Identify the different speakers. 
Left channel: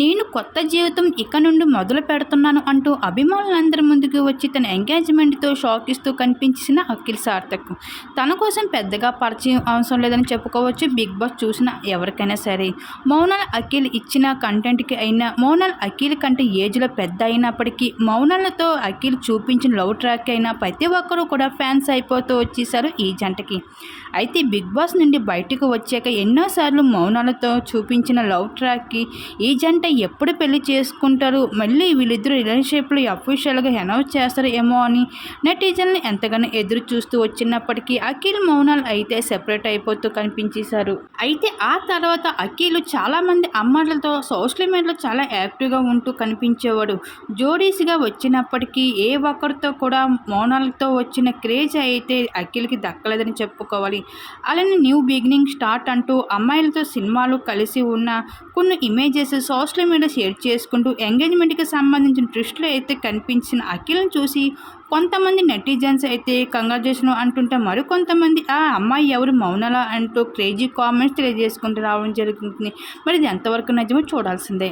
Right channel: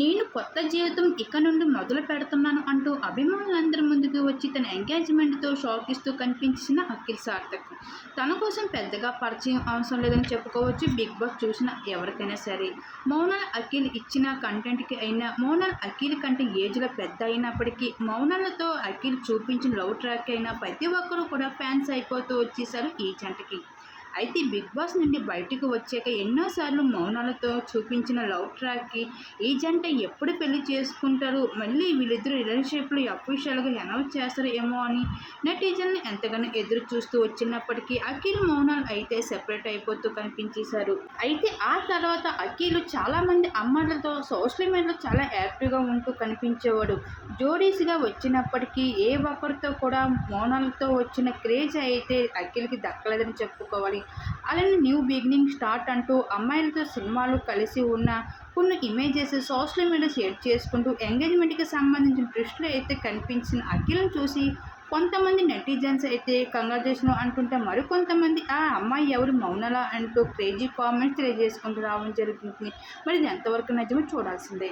Speaker 1: నేను కొత్త జీవితం ఇక నుండి మొదలు పెడుతున్నాను అంటూ అభిమానులందరి ముందుకు వచ్చి తన ఎంగేజ్మెంట్తో షాక్ ఇస్తూ కనిపించిన అఖిల్ సార్థక్. తన కోసం పెద్దగా పరిచయం అవసరం లేదని చెప్పుకోవచ్చు. బిగ్ బాస్ చూసిన ఎవరికైనా సరే. మౌనాల్ అఖిల్ ఇచ్చిన కంటెంట్కి అయినా మౌనాల్ అఖిల్ కంటే ఏజ్లో పెద్ద అయినప్పటికీ మౌనాలతో అఖిల్ చూపించిన లవ్ ట్రాక్ అయినా ప్రతి ఒక్కరూ కూడా ఫ్యాన్స్ అయిపోతూ వచ్చేసారు ఈ జంటకి. అయితే బిగ్ బాస్ నుండి బయటకు వచ్చాక ఎన్నోసార్లు మౌనాలతో చూపించిన లవ్ ట్రాక్కి ఈ జంట ఎప్పుడు పెళ్ళి చేసుకుంటారు? మళ్ళీ వీళ్ళిద్దరు రిలేషన్షిప్లో అఫీషియల్గా అనౌన్స్ చేస్తారు ఏమో అని నెటిజన్లు ఎంతగానో ఎదురు చూస్తూ వచ్చినప్పటికీ అఖిల్ మౌనాలు అయితే సెపరేట్ అయిపోతూ కనిపించేశారు. అయితే ఆ తర్వాత అఖిల్ చాలామంది అమ్మాయిలతో సోషల్ మీడియాలో చాలా యాక్టివ్గా ఉంటూ కనిపించేవాడు. జోడీస్గా వచ్చినప్పటికీ ఏ ఒక్కరితో కూడా మౌనాలతో వచ్చిన క్రేజ్ అయితే అఖిల్కి దక్కలేదని చెప్పుకోవాలి. అలానే న్యూ బిగినింగ్ స్టార్ట్ అంటూ అమ్మాయిలతో సినిమాలు కలిసి ఉన్న కొన్ని ఇమేజెస్ సోషల్ మీడియా షేర్ చేసుకుంటూ ఎంగేజ్మెంట్కి సంబంధించిన ట్విస్టులు అయితే కనిపించిన అఖిల్ని చూసి కొంతమంది నెటిజన్స్ అయితే కంగ్రాచులేషన్ అంటుంటే మరికొంతమంది ఆ అమ్మాయి ఎవరు? మౌనలా అంటూ క్రేజీ కామెంట్స్ తెలియజేసుకుంటూ రావడం జరుగుతుంది. మరి ఇది ఎంతవరకు నిజమో చూడాల్సిందే.